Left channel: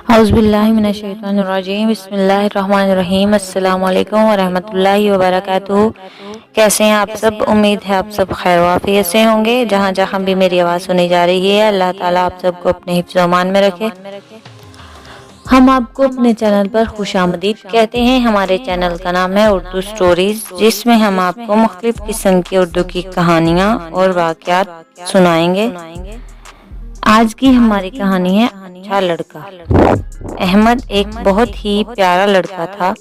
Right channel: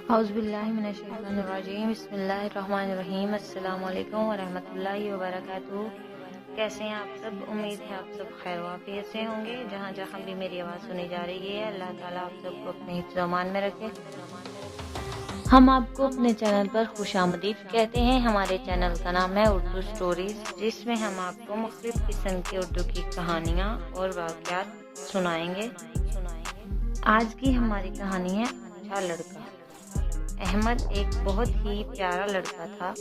औज़ुबिल्लाहिमिनश्शैतानिर्रजीम बिस्मिल्लाहिर्रहमानिर्रहीम अस्सलामु अलैकुम वरहमतुल्लाहि वबरकातुहू। कैसे हैं आप सब? उम्मीद है आप सब खैर वाफियत से होंगे। जहाँ जहाँ भी मेरी आवाज़ सुनी जा रही है, अल्लाह ताला आप सबको अपने हिफ्ज़ व अमान में रखे। हम आपको अपने चैनल पर खुशामदीद कहते हैं। हमारे चैनल का नाम है उर्दू स्टोरीज़, जिसमें हम आपको मुख्तलिफ किस्म की उर्दू की कहानियाँ और वाक़यात सुनाएंगे। आज की हमारी कहानी है अच्छा लड़का। अहमद एक बहुत ही प्यारा लड़का था।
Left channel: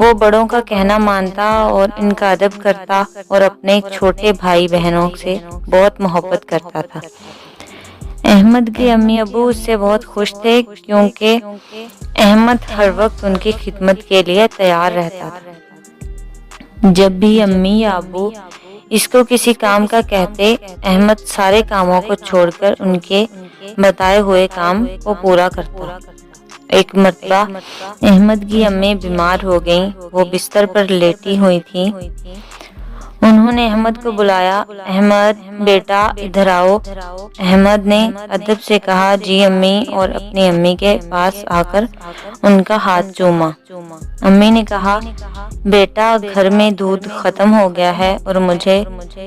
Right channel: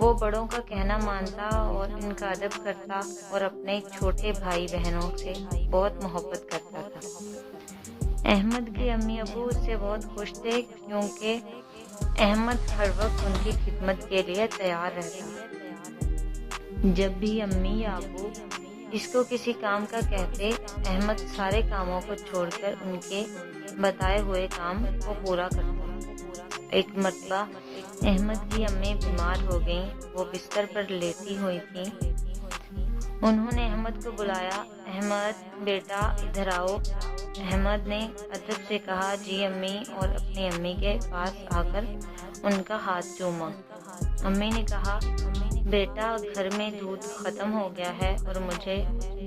वो बड़ों का कहना मानता और इनका अदब करता और अपने छोटे भाई बहनों से बहुत मोहब्बत करता था। अहमद के अम्मी अबू उससे बहुत खुश थे, क्योंकि अहमद हर वक्त उनकी खिदमत के लिए तैयार रहता था। जब भी अम्मी या अबू इसको किसी काम का कहते, अहमद सारे कामों को छोड़कर उनके बताए हुए काम को पूरा करता। एक मर्तबा अहमद की अम्मी बीमार हो गईं। वो बिस्तर पर लेटी हुई थी। उन्होंने अहमद को बुलाया। अहमद बेटा इधर आओ। अहमद ने अदब से कहा जी अम्मी, और अपनी अम्मी के पास आकर उनका हाथ चूमा। अम्मी ने कहा बेटा घर में दूध खत्म हो गया है और मुझे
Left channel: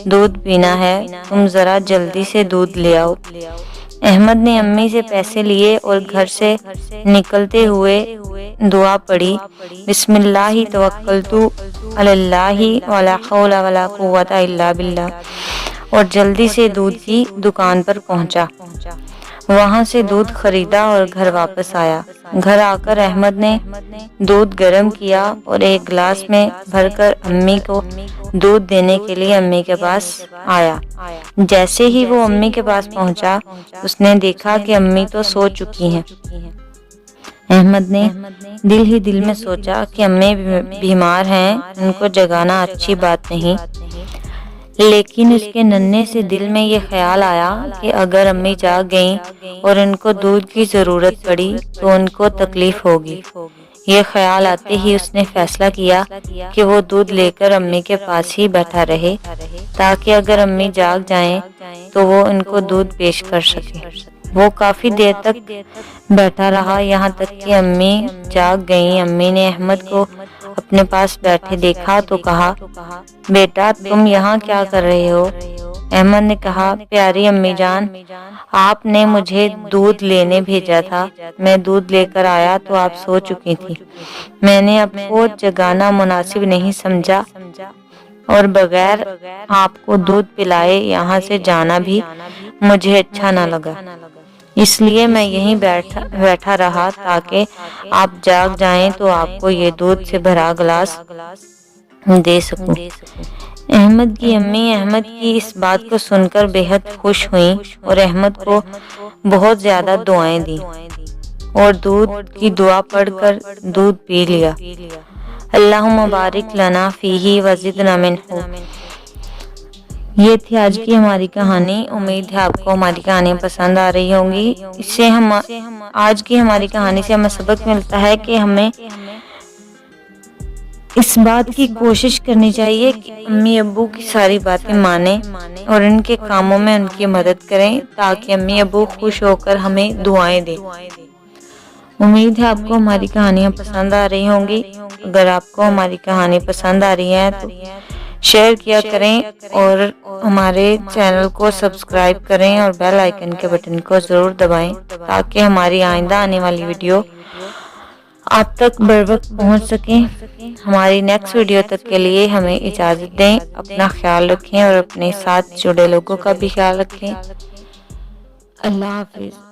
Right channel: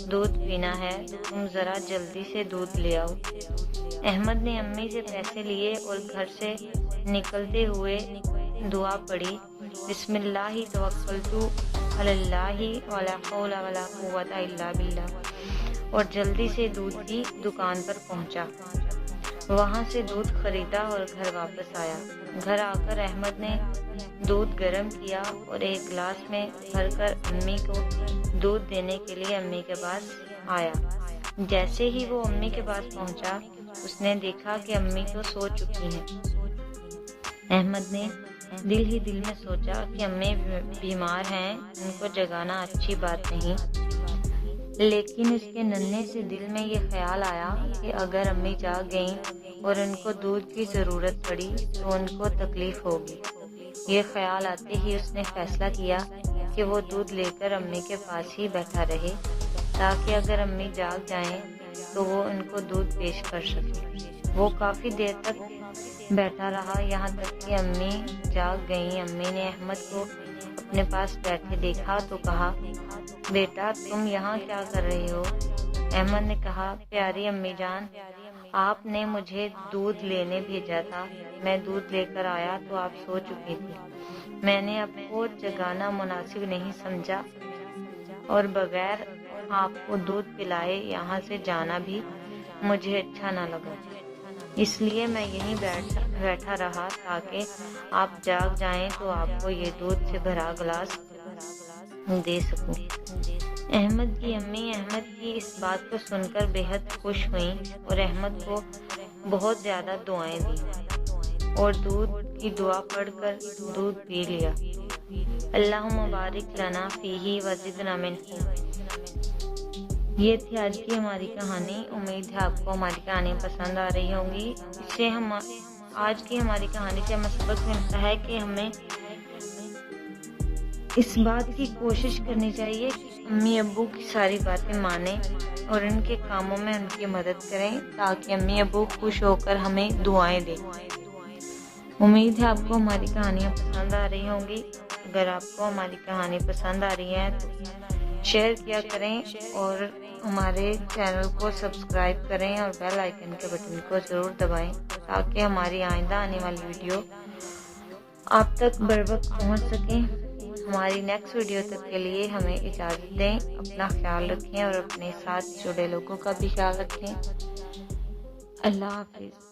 दूध पीना है, तुम जरा जल्दी से दूध ले आओ। अहमद ने अम्मी से पैसे लिए और घर से निकलते हुए दुआ पढ़ी, बिस्मिल्लाहि तवक्कलतु अलल्लाहि वला हौला वला कुव्वता इल्ला बिल्लाह, और जल्दी से दूध की दुकान पर पहुंचा। वहां से दूध खरीदा और घर वापस आया। घर आकर अहमद ने दूध गर्म किया और एक गिलास में भरकर अम्मी को दूध देने के लिए अम्मी के पास आया। जैसे ही वो अम्मी के पास पहुंचा, उसने देखा कि अम्मी तो सो चुकी हैं। अहमद ने दिल ही दिल में सोचा कि अम्मी बीमार हैं, उनको जगाना अच्छी बात नहीं। लेकिन उसके नन्हे से दिल में ये ख्याल आया कि अगर अम्मी जाग गईं और उनको दूध की ज़रूरत पड़ी तो उनको तकलीफ होगी। ये ख्याल आते ही उसने फैसला किया कि वो दूध लेकर अम्मी के पास ही बैठा रहे, ताकि अगर अम्मी जाग जाएं तो वो इनको दूध पेश कर सके। वो काफ़ी देर तक बैठा रहा, यहाँ तक कि अम्मी जाग गईं। अम्मी ने अहमद को अपने पास बैठे देखा तो कहा बेटा तुम यहाँ क्या कर रहे हो? अहमद ने कहा प्यारी अम्मी जान, आपने मुझे दूध लेने भेजा था। मैं दूध लेकर आया तो आप सो चुकी थी। मैंने आपको जगाना मुनासिब नहीं समझा और बगैर आपको दूध पिलाए यहाँ से जाना भी मुझे अच्छा न लगा, इसलिए मैं यहीं बैठा रहा ताकि आप जाग जाएं तो आपको ये दूध से भरा गिलास दे सकूं। अहमद की अम्मी अहमद की इस बात को सुनकर बेहद खुश हुईं और अहमद को बहुत ज़्यादा दुआएं दी और दूध की दुआ पढ़कर दूध पी लिया। अल्लाहुम्मा बारिक लना फीही वज़िदना मिन्हु। ये थी आज की हमारी कहानी। उम्मीद है आपको हमारी कहानी पसंद आ रही होंगी। इससे हम आज की हमारी कहानी से हमें सबक मिलता है कि हमें इस बात की कोशिश करनी चाहिए कि अम्मी अब्बू की सारी बातें माने और इनके कामों में उनकी मदद करें, ताकि अम्मी अब्बू खुश होकर हमें दुआएं दें। उम्मीद है आपको हमारी कहानियाँ पसंद आ रही होंगी। अगर आपको हमारी कहानी पसंद आ रही है तो शेयर किया करें और हमारे चैनल को सब्सक्राइब करें और बेल आइकन के बटन को ज़रूर दबाएं, ताकि हमारी आइंदा आने वाली वीडियो आप तक बर वक्त पहुँच सकें। हमारी नेक्स्ट वीडियो तक के लिए हमें इजाज़त दें। अपना ख्याल रखें और अपने साथ जुड़े लोगों का भी ख्याल रखें। अल्लाह हाफिज़।